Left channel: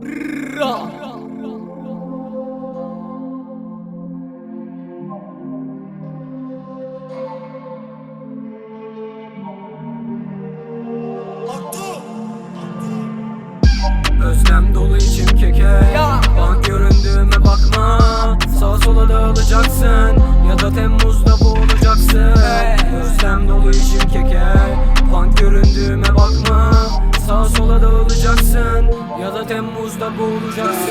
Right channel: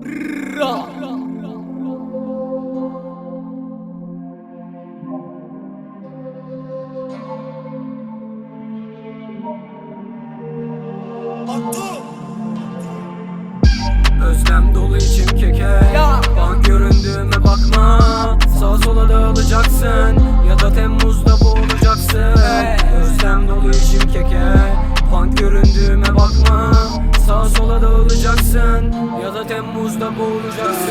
Özlem dolu içim keke. Bank göründüğüme bakma. Sağa sola dağılacaksın ya da Temmuz'da boğulacaksın. Özlem dolu içim keke. Bank göründüğüme bakma. Sağa sola dağılacaksın ya da Temmuz'da boğulacaksın.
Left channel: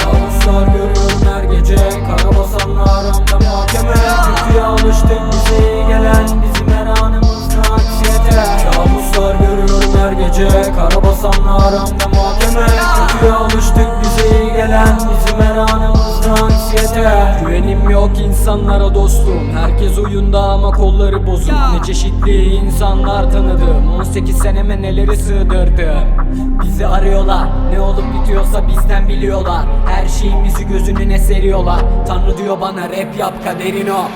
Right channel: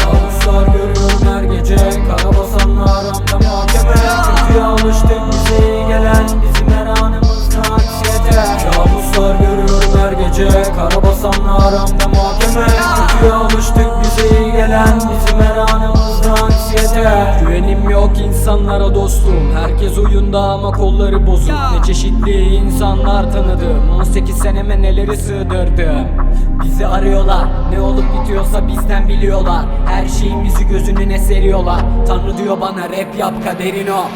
Kabuslar görüyorum her gece. Karabasanla aramda mahkeme. Kötüye alıştık, bize iyi gelen bizim her anımızda aksiyete. Kabuslar görüyorum her gece. Karabasanla aramda mahkeme. Kötüye alıştık, bize iyi gelen bizim her anımızda aksiyete. Güvenim yok insanlara dostum. Herkes oyunda ama kolları bozuk. Ne çeşitli insanlar tanıdım. 18 seneme neleri sığdırdım. Bizi arıyorlar, ne olup bitiyorsa bizden biliyorlar. Her şeyimizi gözününe seriyorlar. Tanrı diyor bana rap yap, kaderin o.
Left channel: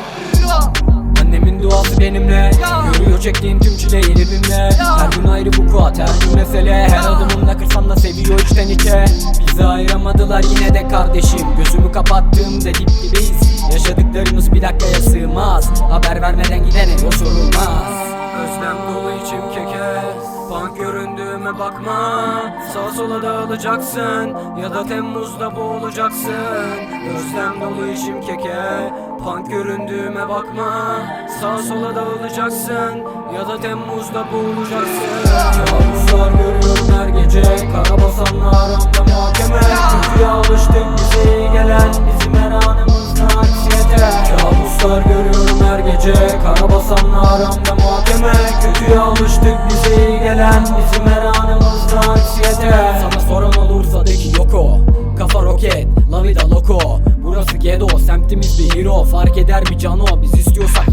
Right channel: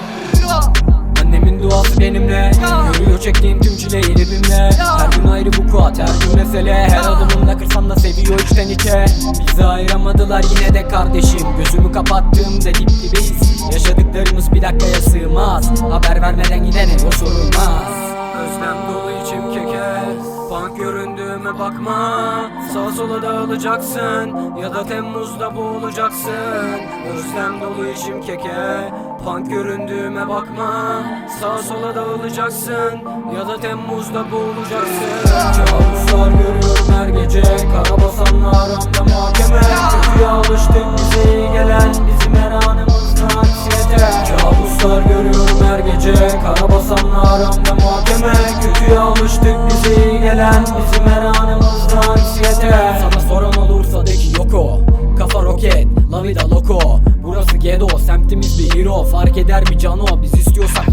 Annemin duası benimle. Görüyor çektiğim tüm çileyi elimle. Her gün ayrı bu kuat, her gün mesele. Her adımımda kırsam da seviyor içten içe. Bizi ayıramadılar yine de kardeşim. Gözümü kapattığımda dip dibeyiz. Yaşadıklarımız bir dakikaya sığmaz. Haber vermeden gidene yol sorulmaz. Özlem dolu içim keke. Bank göründüğüme bakma. Sağa sola dağılacaksın ya da Temmuz'da boğulacaksın. Özlem dolu içim keke. Bank göründüğüme bakma. Sağa sola dağılacaksın ya da Temmuz'da boğulacaksın. Kabuslar görüyorum her gece. Karabasanla aramda mahkeme. Kötüye alıştık, bize iyi gelen bizim her anımızda aksiyete. Kabuslar görüyorum her gece. Karabasanla aramda mahkeme. Kötüye alıştık, bize iyi gelen bizim her anımızda aksiyete. Sana soran olursa de ki yok o. Kafa roket, la vida loco. Burası ghetto, semtimiz bir hero. Fark eder mi cano, biz istiyorsak.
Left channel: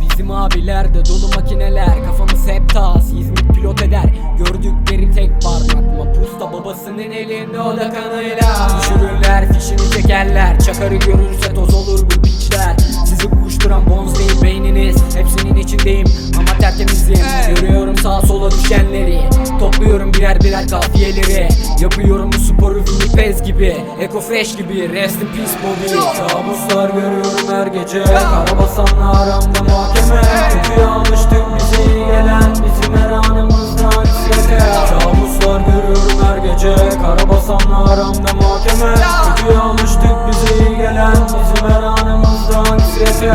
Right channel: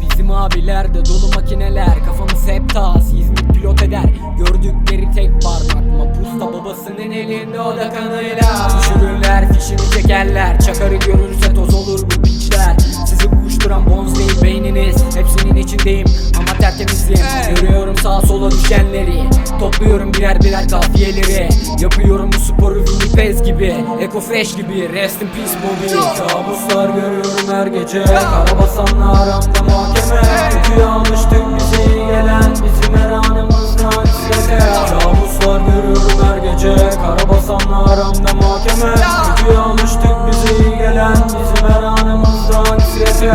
Bizim abilerde dolu makineler. Kafamız hep tas, İzmit pilot eder. Gördükleri tek parmak mapusta, babasının elinde o da kanıyla. Düşürürler, fişini çekerler. Çakarı görürse toz olur bu piçler. Sizi uyuşturan bonz değil beyniniz. Hepsinin içindeyim ama tertemizim. Görüyorum sağa sola düşenleri. Topluyorum birer birer kafiyeleri. Yapıyorum bu sporu Winnipez gibi, Eko Fresh gibi, rest in peace Bobby. Kabuslar görüyorum her gece. Karabasanla aramda mahkeme. Kötüye alıştık, bize iyi gelen bizim her anımızda aksiyete. Kabuslar görüyorum her gece. Karabasanla aramda mahkeme. Kötüye alıştık, bize iyi gelen bizim her anımızda aksiyete.